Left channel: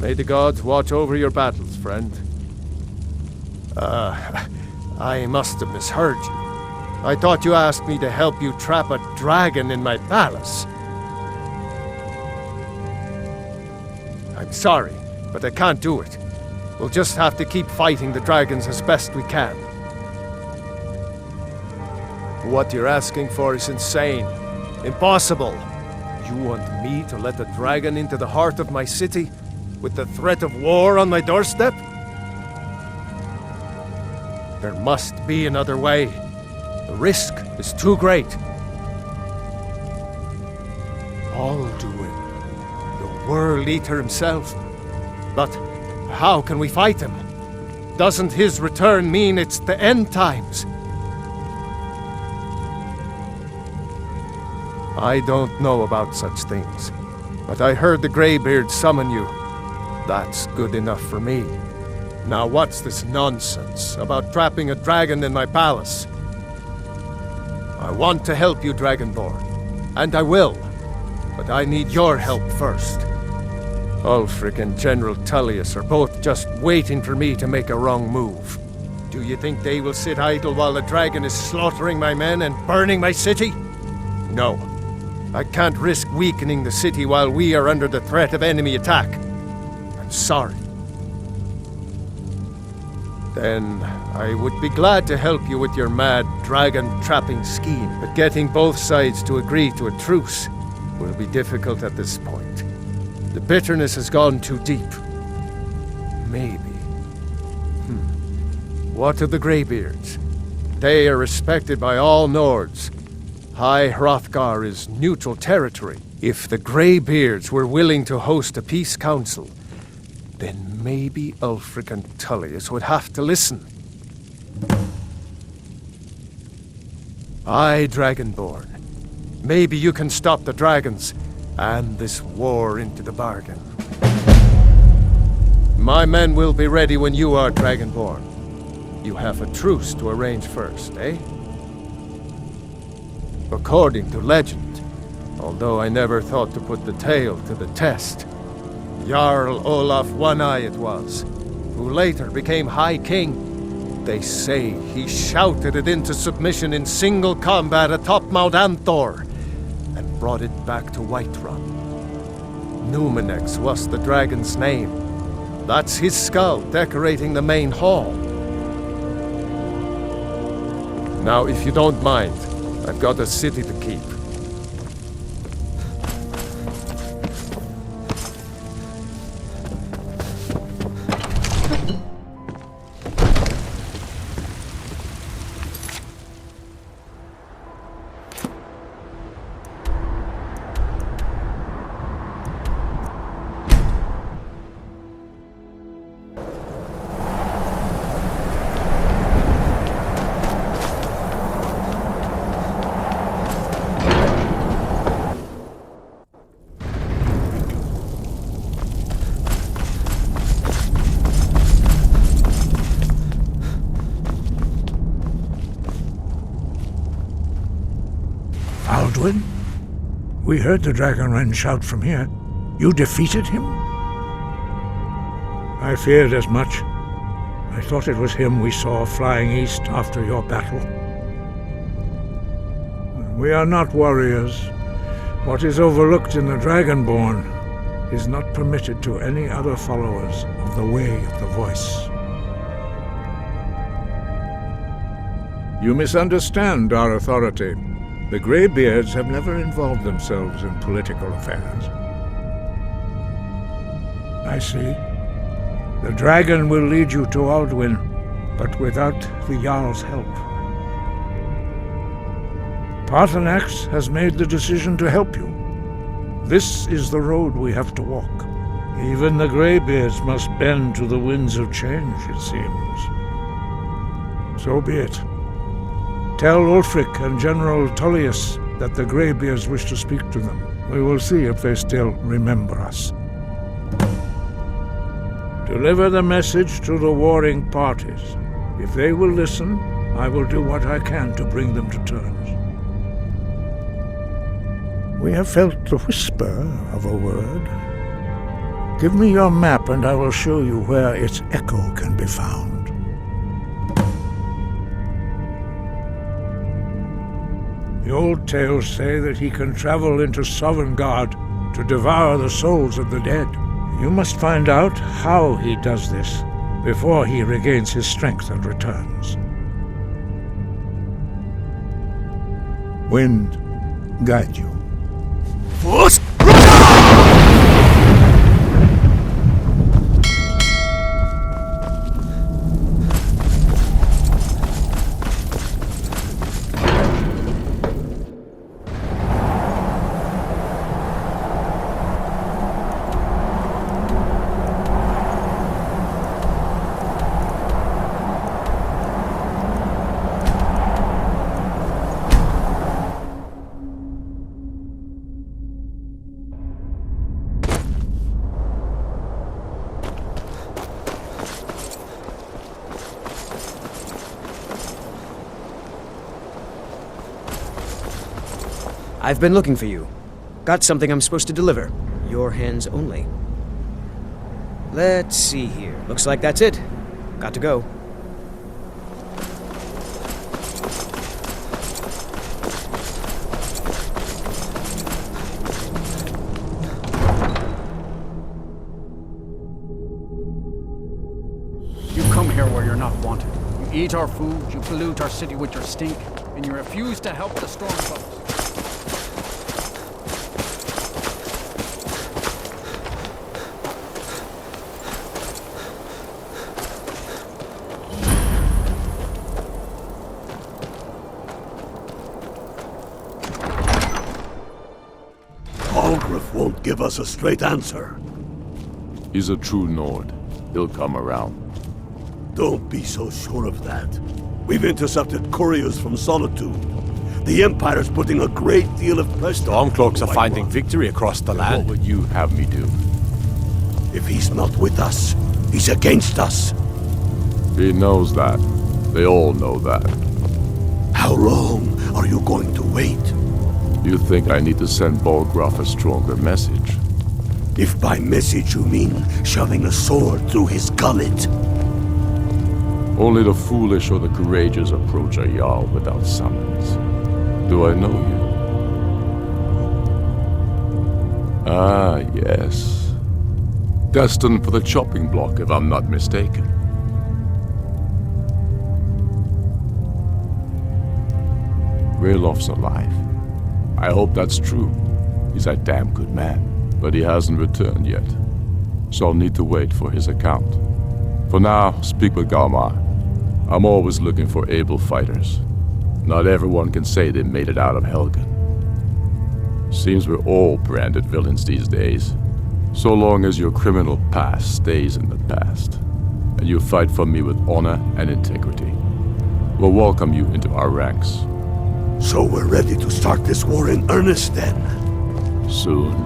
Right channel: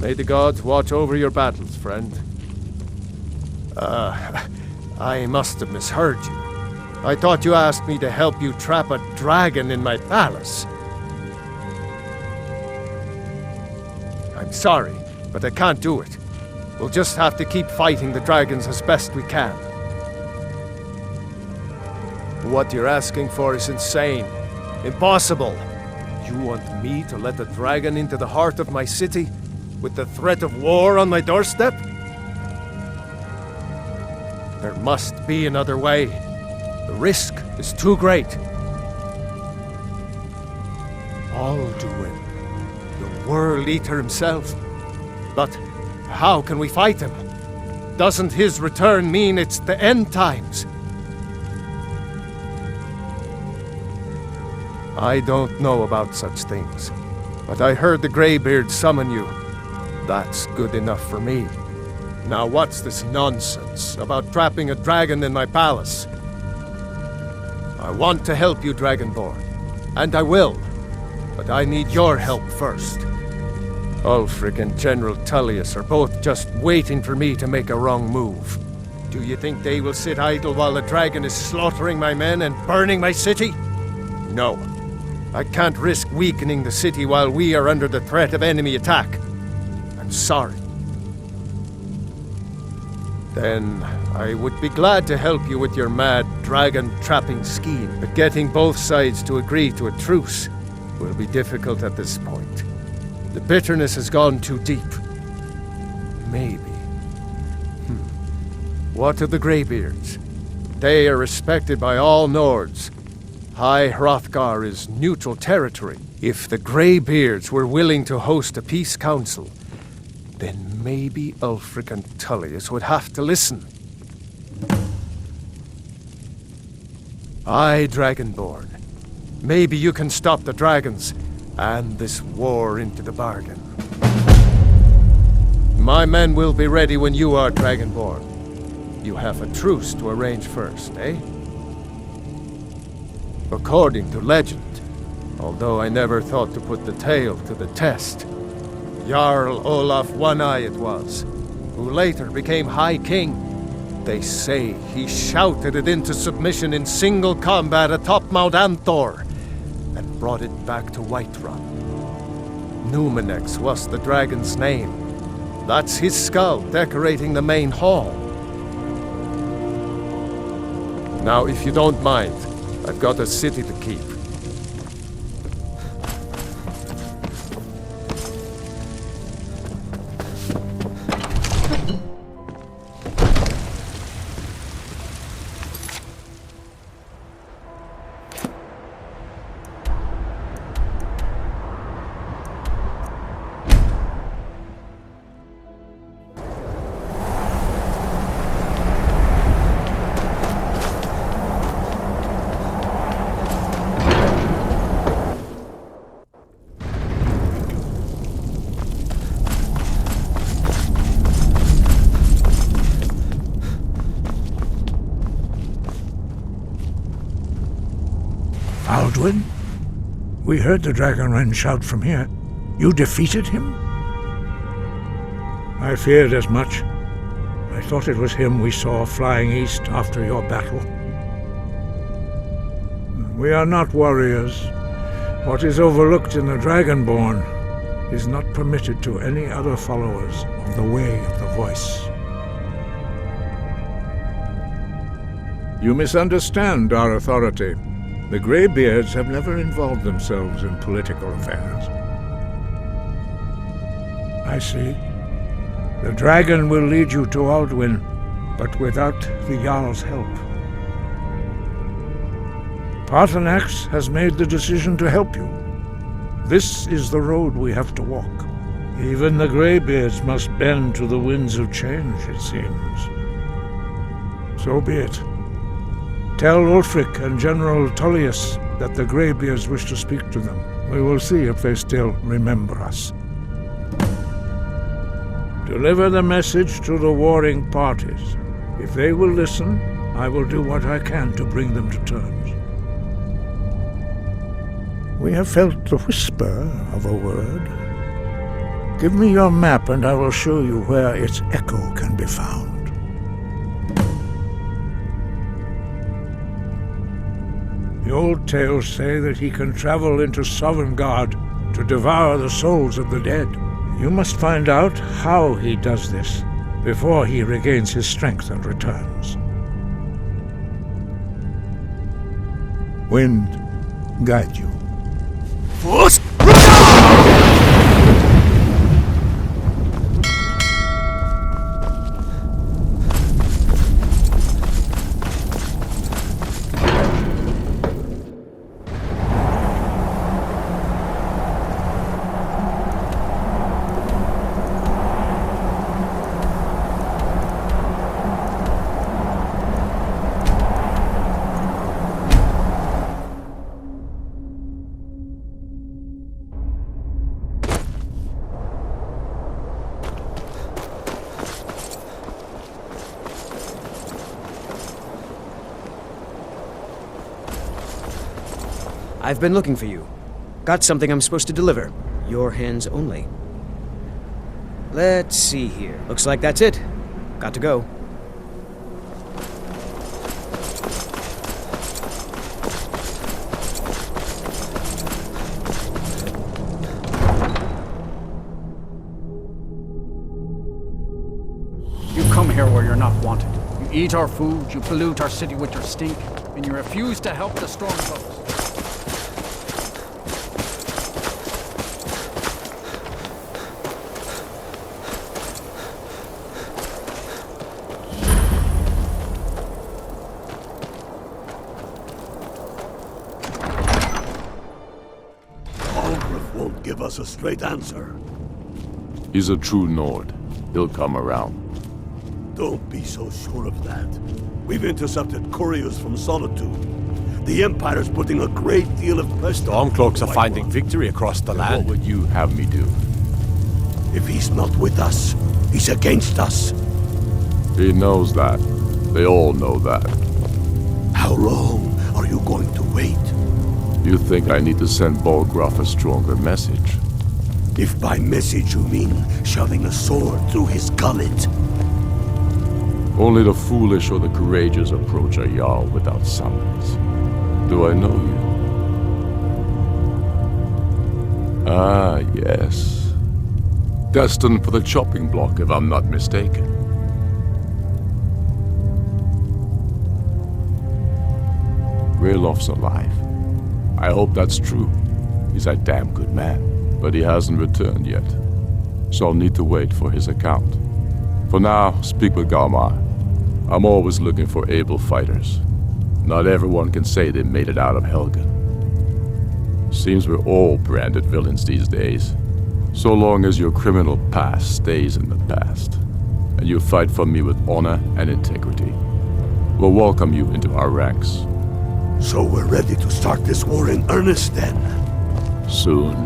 May the gods watch over your battles, friend. I must have misheard you. I thought you asked me to help you trap a dragon in my palace. I'm sorry, but I can't do it. We'll just have to keep fighting the dragons as best we can. What you're asking for is insane. Impossible. You want me to let a dragon into the heart of my city, with the threat of war on my doorstep? There must be another way. The risk is too great. Alduin, the World Eater himself. But how can we fight him? Doesn't his return mean it's the end times? I don't know about such things, but I heard the Greybeards summon you. That's good enough for me. Now what's this nonsense about trapping a dragon in my palace? I want to help you, Dragonborn, and I will, but I need your help first. Ulfric and General Tullius are both just waiting for me to make a wrong move. Do you think they will sit idle while the dragon is slaughtering my men and burning my city? No. I can't risk weakening the city while we are under the threat of enemy attack. I'm sorry. Then I would be glad to help you with your mad dragon-trapping scheme, but getting both sides to agree to a truce will be difficult at this point. The bitterness has gone too deep. Maybe. What of the Greybeards? They are respected by all Nords. High Hrothgar is neutral territory. If the Greybeards were willing to host a peace council, then maybe Ulfric and Tullius would have to listen. Aye, Dragonborn. Maybe you can stop the dragons, and this war into the bargain. My men will be ready when you are, Dragonborn. You have a truce to arrange first, eh? According to legend, although I never thought to put the tale to the test, Jarl Olaf One-Eye it was, who later became High King. They say he shouted it into submission in single combat atop Mount Anthor, and brought it back to Whiterun. Numenex was the dragon's name. That's his skull decorating the main hall. Now, if you don't mind, I've got a city to keep. Alduin? We heard the Dragonren shout from here. You defeated him? I feared as much. I thought it was him we saw flying east after your battle. We are not warriors. What is overlooked in the Dragonborn is not permitted to any other followers of the Way of the Voice. You misunderstand our authority. The Greybeards have never involved themselves in political affairs. I see. The dragon will lead you to Alduin, but without the Jarl's help. Paarthurnax has made the decision to help you. This is the road we have to walk. Even the Greybeards must bend to the winds of change, it seems. So be it. Tell Ulfric and General Tullius that the Greybeards wish to speak to them. We will see if they still remember us. Deliver the message to the warring parties. If they will listen, I will do what I can to bring them to terms. We have felt the whisper of a word. Give me your map and I will show you where its echo can be found. The old tales say that he can travel into Sovngarde to devour the souls of the dead. You must find out how he does this before he regains his strength and returns. Wind, guide you. I've been looking for you. Got something I'm supposed to deliver. Your hands only. Let's see here. Looks like that's it. Got to go. You come here where you're not wanted. You eat our food, you pollute our city with your stink, and you refuse to help the Stormcloaks. Balgruff won't give us a straight answer. He's a true Nord. He'll come around. Don't be so sure of that. We've intercepted couriers from Solitude. The Empire's putting a great deal of pressure. Stormcloaks are finding victory across the What land. would you have me do? If he's not with us, he's against us. He knows that. They all know that. How long are you going to wait? You think I need to send Balgruff a stronger message? If by message you mean shoving a sword through his gullet. Only the foolish or the courageous approach a Jarl without summons. Do I know you? Ah, yes. Destined for the chopping block, if I'm not mistaken. Raylof's alive. I hope that's true. He's a damn good man, but he hasn't returned yet. So I'll need to wait for his account. For now, speak with Galmar. I'm always looking for able fighters. Not everyone can say they made it out of Helgen. Seems we're all branded villains these days. So long as your criminal past stays in the past, and you fight for me with honor and integrity, we'll welcome you into our ranks. So we're ready to start this war in earnest then? Soon.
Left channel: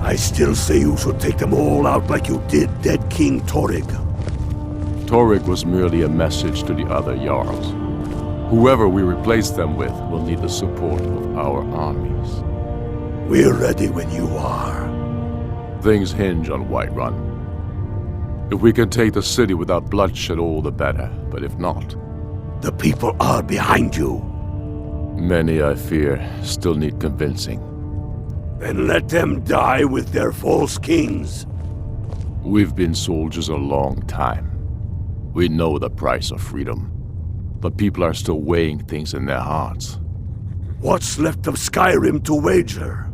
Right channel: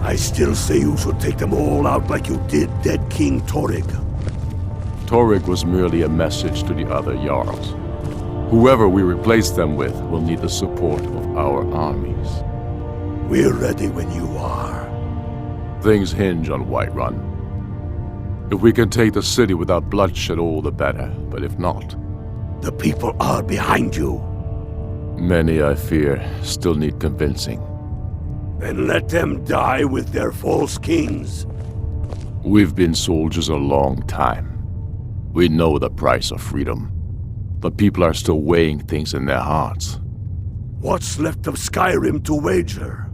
I still say you should take them all out like you did dead King Torrig. Torrig was merely a message to the other Jarls. Whoever we replace them with will need the support of our armies. We're ready when you are. Things hinge on Whiterun. If we can take the city without bloodshed, all the better. But if not, The people are behind you. many, I fear, still need convincing. Then let them die with their false kings. We've been soldiers a long time. We know the price of freedom. But people are still weighing things in their hearts. What's left of Skyrim to wager?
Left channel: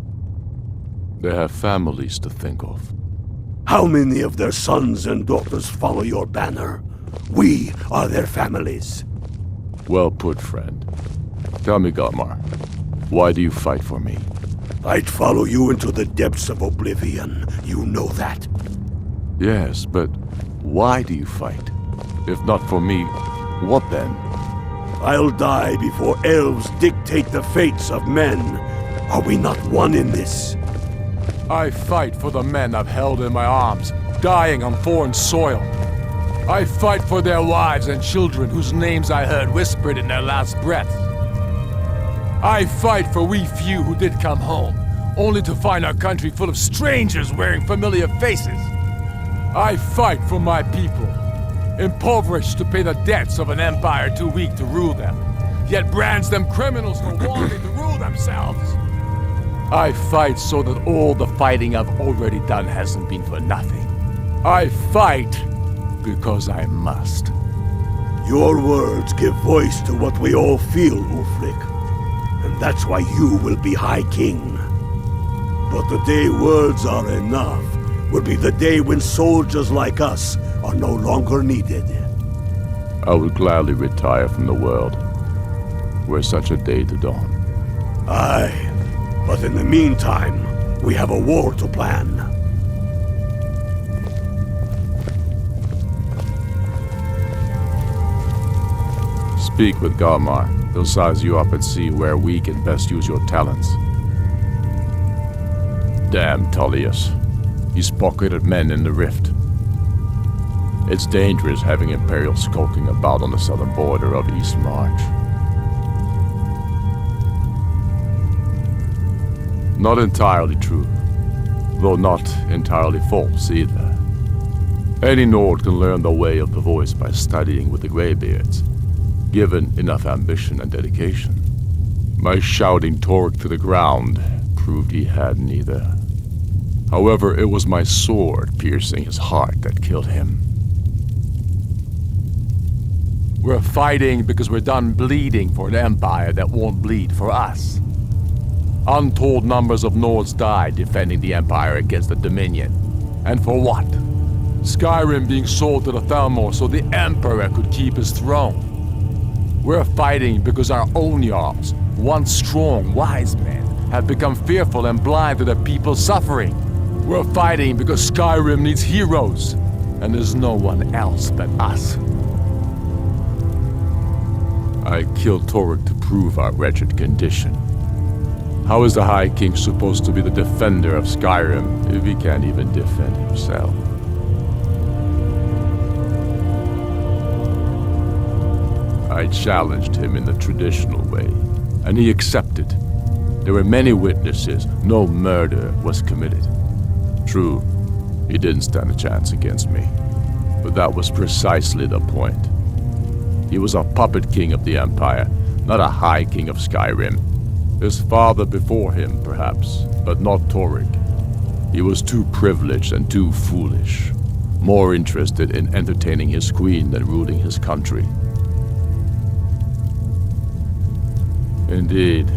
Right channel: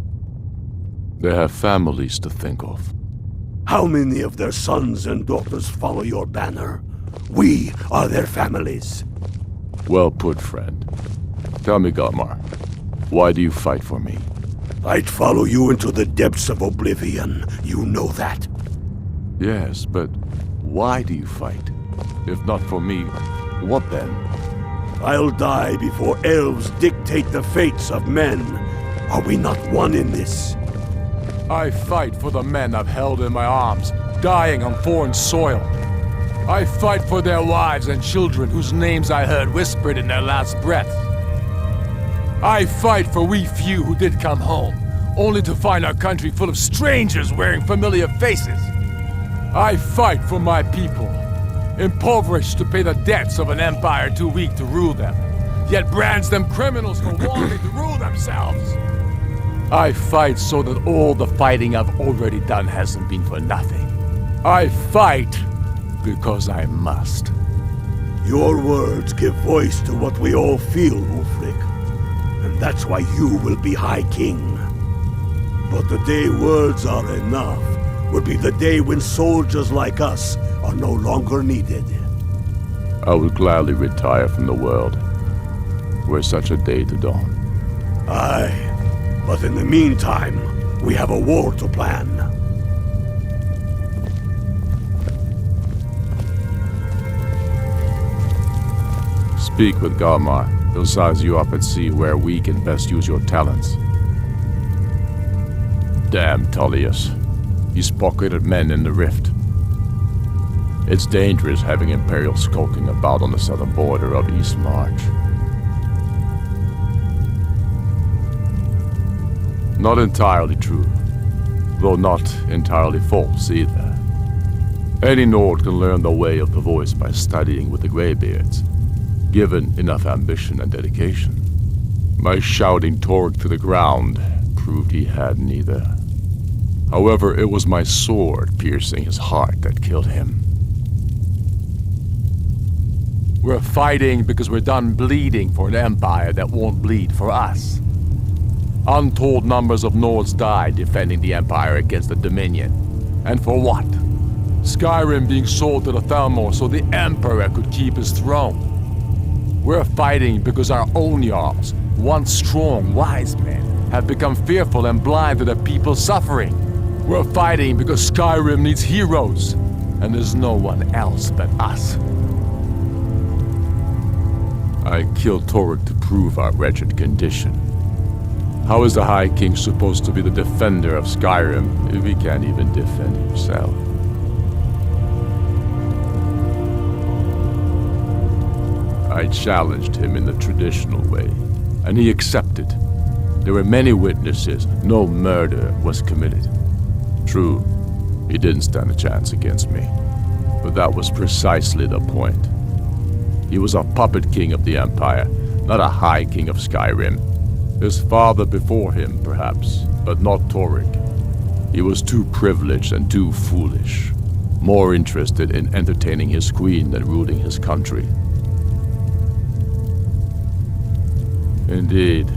They have families to think of. How many of their sons and daughters follow your banner? We are their families. Well put, friend. Tell me, Galmar, why do you fight for me? I'd follow you into the depths of oblivion. You know that. Yes, but why do you fight? If not for me, what then? I'll die before elves dictate the fates of men. Are we not one in this? I fight for the men I've held in my arms, dying on foreign soil. I fight for their wives and children whose names I heard whispered in their last breaths. I fight for we few who did come home, only to find our country full of strangers wearing familiar faces. I fight for my people, impoverished to pay the debts of an empire too weak to rule them, yet brands them criminals for wanting to rule themselves. I fight so that all the fighting I've already done hasn't been for nothing. I fight because I must. Your words give voice to what we all feel, Ulfric. And that's why you will be High King. But the day words are enough will be the day when soldiers like us are no longer needed. I would gladly retire from the world, were such a day to dawn. Aye, but in the meantime, we have a war to plan. Speak with Garmar. He'll size you up and see where we can best use your talents. Damn Tullius. He's pocketed men in the rift. It's dangerous having Imperials skulking about on the southern border of East March. Not entirely true, though not entirely false either. Any Nord can learn the way of the voice by studying with the Greybeards, given enough ambition and dedication. My shouting Torg to the ground proved he had neither. However, it was my sword piercing his heart that killed him. We're fighting because we're done bleeding for an empire that won't bleed for us. Untold numbers of Nords died defending the empire against the Dominion. And for what? Skyrim being sold to the Thalmor so the emperor could keep his throne. We're fighting because our own Jarls, once strong, wise men, have become fearful and blind to the people's suffering. We're fighting because Skyrim needs heroes, and there's no one else but us. I killed Torg to prove our wretched condition. How is the High King supposed to be the defender of Skyrim if he can't even defend himself? I challenged him in the traditional way, and he accepted. There were many witnesses, no murder was committed. True, he didn't stand a chance against me, but that was precisely the point. He was a puppet king of the Empire, not a High King of Skyrim. His father before him, perhaps, but not Torg. He was too privileged and too foolish, more interested in entertaining his queen than ruling his country. Indeed,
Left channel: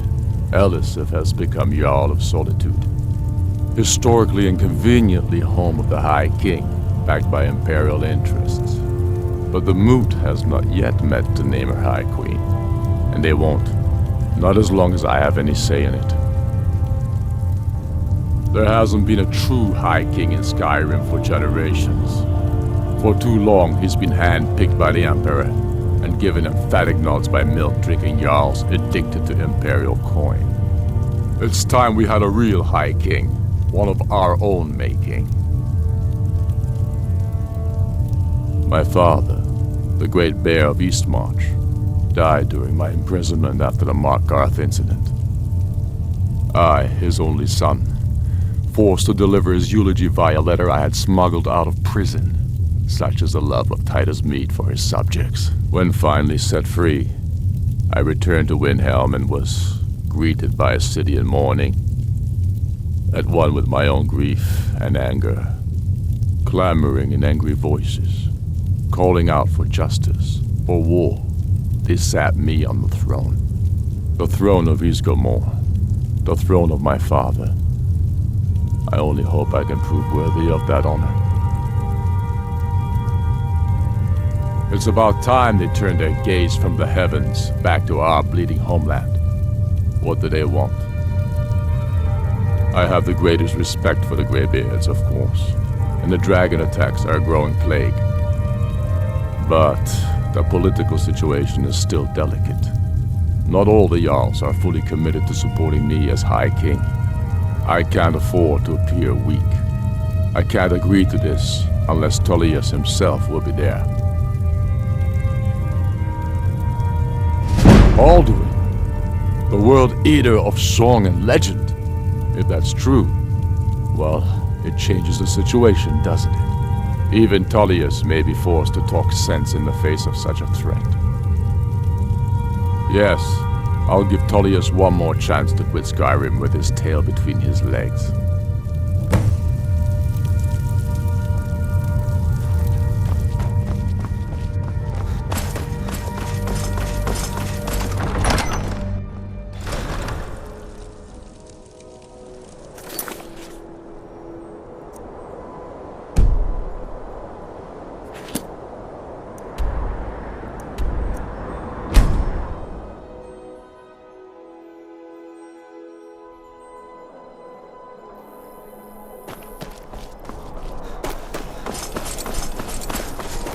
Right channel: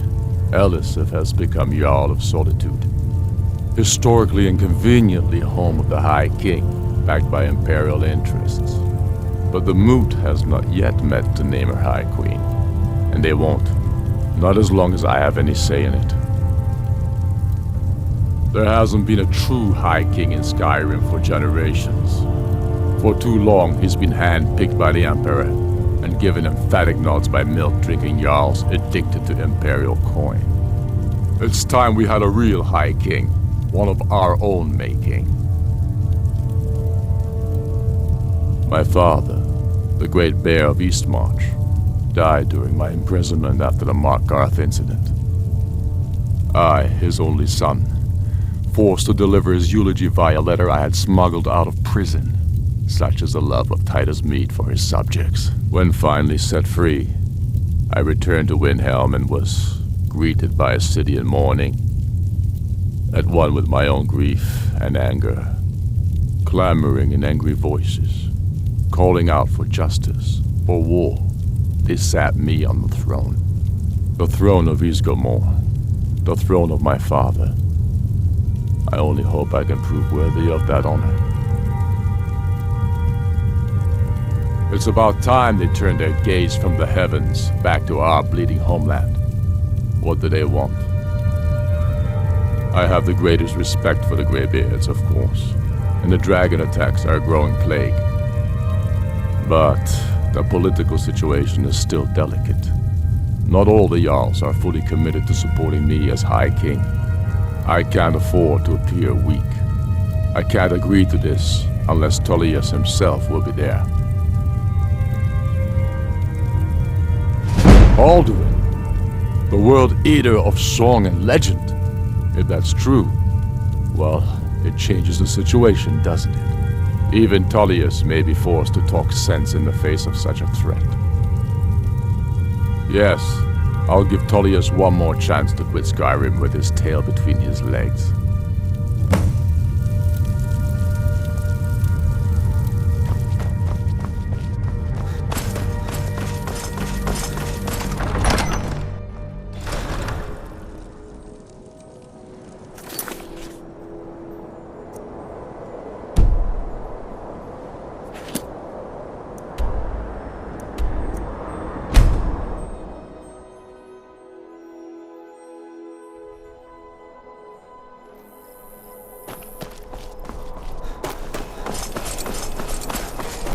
Elisif has become Jarl of Solitude, historically and conveniently home of the High King, backed by Imperial interests. But the Moot has not yet met to name her High Queen, and they won't, not as long as I have any say in it. There hasn't been a true High King in Skyrim for generations. For too long, he's been hand-picked by the Emperor, and given emphatic nods by milk-drinking Jarls addicted to Imperial coin. It's time we had a real High King, one of our own making. My father, the Great Bear of Eastmarch, died during my imprisonment after the Markarth incident. I, his only son, forced to deliver his eulogy via letter I had smuggled out of prison. Such is the love of Titus meat for his subjects. When finally set free, I returned to Windhelm and was greeted by a city in mourning, at one with my own grief and anger, clamoring in angry voices, calling out for justice, for war. They sat me on the throne of Ysgramor, the throne of my father. I only hope I can prove worthy of that honor. It's about time they turned their gaze from the heavens back to our bleeding homeland. What do they want? I have the greatest respect for the Greybeards, of course, and the dragon attacks are a growing plague. But the political situation is still delicate. Not all the Jarls are fully committed to supporting me as High King. I can't afford to appear weak. I can't agree to this unless Tullius himself will be there. Alduin, the world eater of song and legend. If that's true, well, it changes the situation, doesn't it? Even Tullius may be forced to talk sense in the face of such a threat. Yes, I'll give Tullius one more chance to quit Skyrim with his tail between his legs.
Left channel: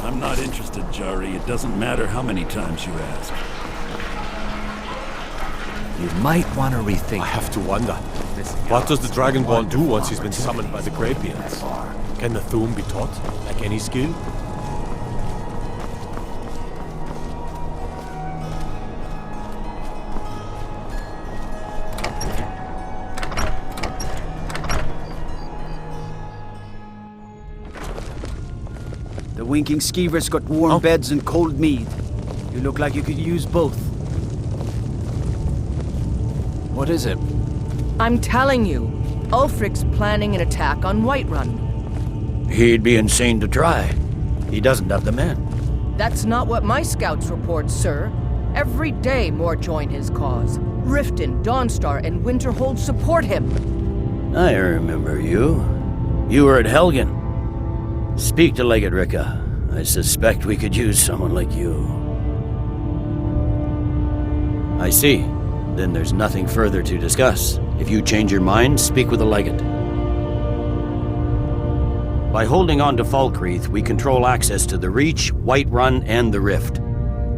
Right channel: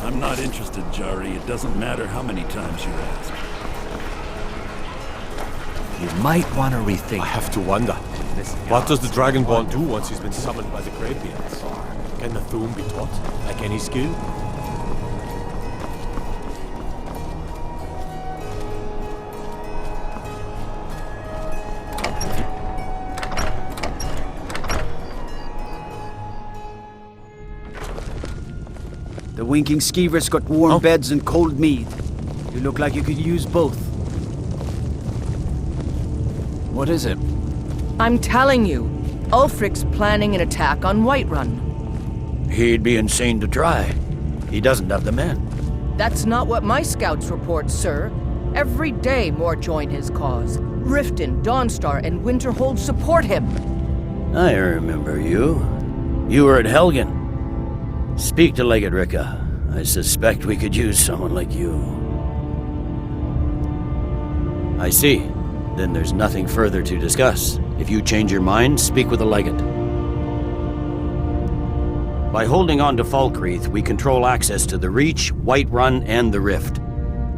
I'm not interested, Jari. It doesn't matter how many times you ask. You might want to rethink. I have to wonder. What does the Dragonborn do once he's been summoned by the Greybeards? Can the Thu'um be taught, like any skill? The winking skeever's got warm beds and cold mead. You look like you could use both. What is it? I'm telling you, Ulfric's planning an attack on Whiterun. He'd be insane to try. He doesn't have the men. That's not what my scouts report, sir. Every day more join his cause. Riften, Dawnstar, and Winterhold support him. I remember you. You were at Helgen. Speak to Legate Ricka. I suspect we could use someone like you. I see. Then there's nothing further to discuss. If you change your mind, speak with the Legate. By holding on to Falkreath, we control access to the Reach, Whiterun, and the Rift.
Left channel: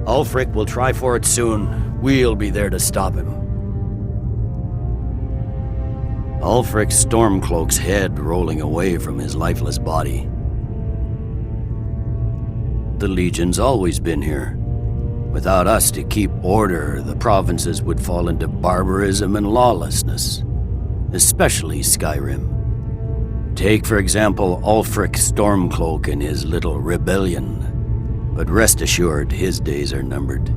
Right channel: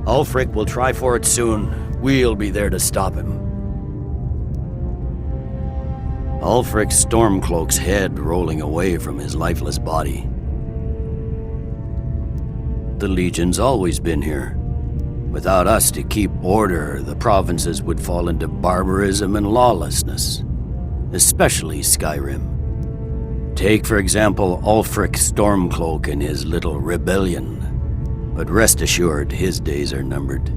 Ulfric will try for it soon. We'll be there to stop him. Ulfric Stormcloak's head rolling away from his lifeless body. The Legion's always been here. Without us to keep order, the provinces would fall into barbarism and lawlessness. Especially Skyrim. Take, for example, Ulfric Stormcloak and his little rebellion. But rest assured, his days are numbered.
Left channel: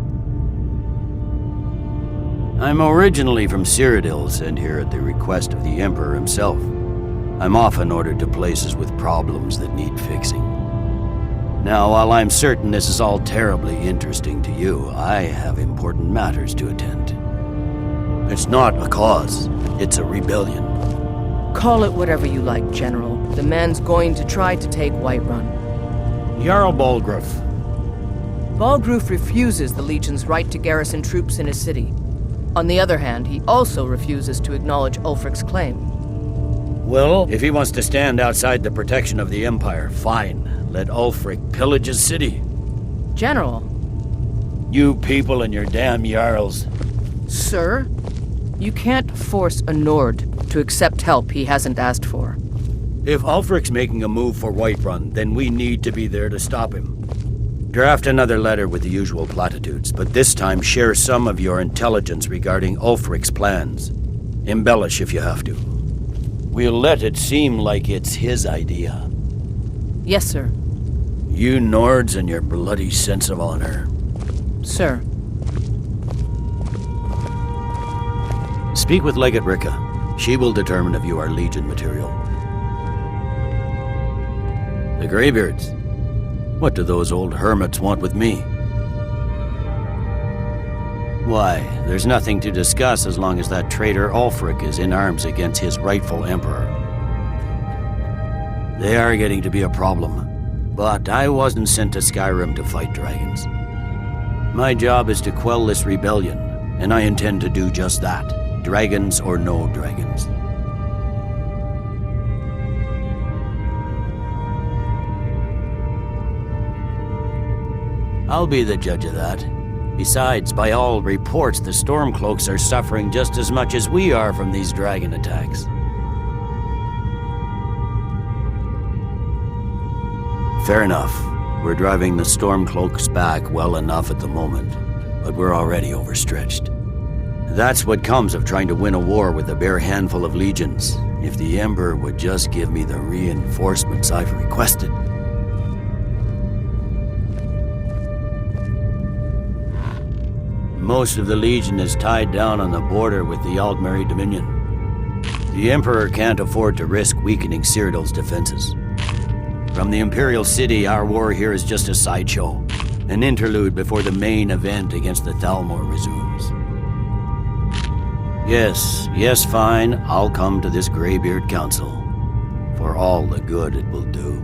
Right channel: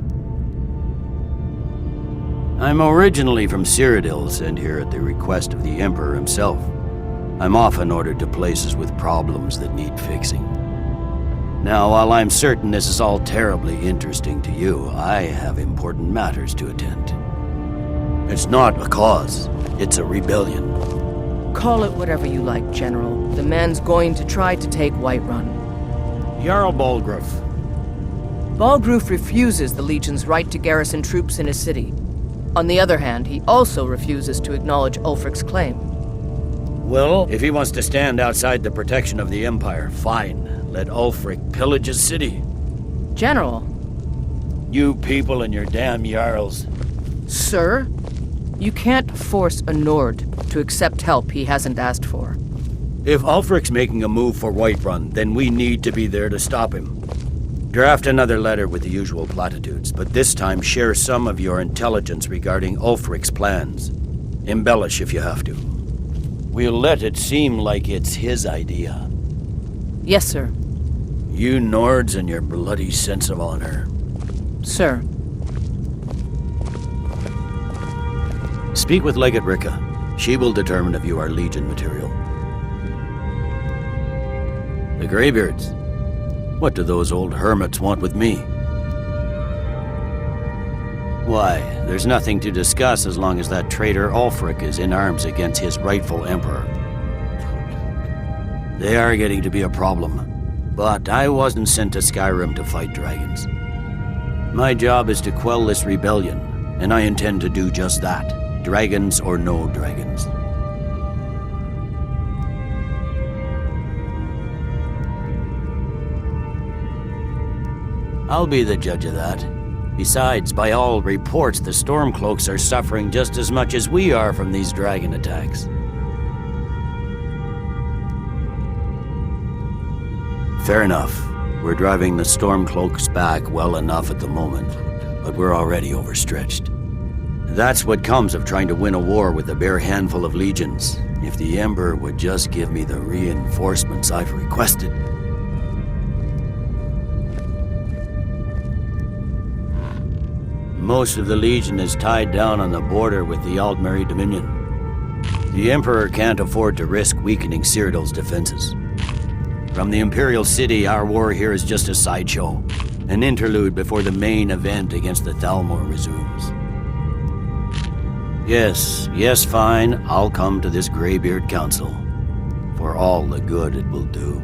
I'm originally from Cyrodiil, sent here at the request of the Emperor himself. I'm often ordered to places with problems that need fixing. Now, while I'm certain this is all terribly interesting to you, I have important matters to attend. It's not a cause, it's a rebellion. Call it whatever you like, General. The man's going to try to take Whiterun. Jarl Balgruff. Balgruff refuses the Legion's right to garrison troops in his city. On the other hand, he also refuses to acknowledge Ulfric's claim. Well, if he wants to stand outside the protection of the Empire, fine. Let Ulfric pillage his city. General. You people and your damn Jarls. Sir, you can't force a Nord to accept help he hasn't asked for. If Ulfric's making a move for Whiterun, then we need to be there to stop him. Draft another letter with the usual platitudes, but this time share some of your intelligence regarding Ulfric's plans. Embellish if you have to. We'll let it seem like it's his idea. Yes, sir. You Nords and your bloody sense of honor. Sir. Speak with Legate Ricka. She will determine if you are Legion material. The Greybeards. What do those old hermits want with me? Why, there's nothing to discuss as long as that traitor Ulfric is in arms against his rightful emperor. They are getting to be a problem. But I wasn't sent to Skyrim to fight dragons. My job is to quell this rebellion, and I intend to do just that. Dragons or no dragons. I'll be the judge of that. Besides, by all reports, the Stormcloaks are suffering just as much as we are from these dragon attacks. Fair enough. We're driving the Stormcloaks back well enough at the moment, but we're already overstretched. That's what comes of trying to win a war with a bare handful of legions. If the Emperor would just give me the reinforcements I've requested. Most of the Legion is tied down on the border with the Altmeri Dominion. The Emperor can't afford to risk weakening Cyrodiil's defenses. From the Imperial City, our war here is just a sideshow. An interlude before the main event against the Thalmor resumes. Yes, fine. I'll come to this Greybeard Council. For all the good it will do.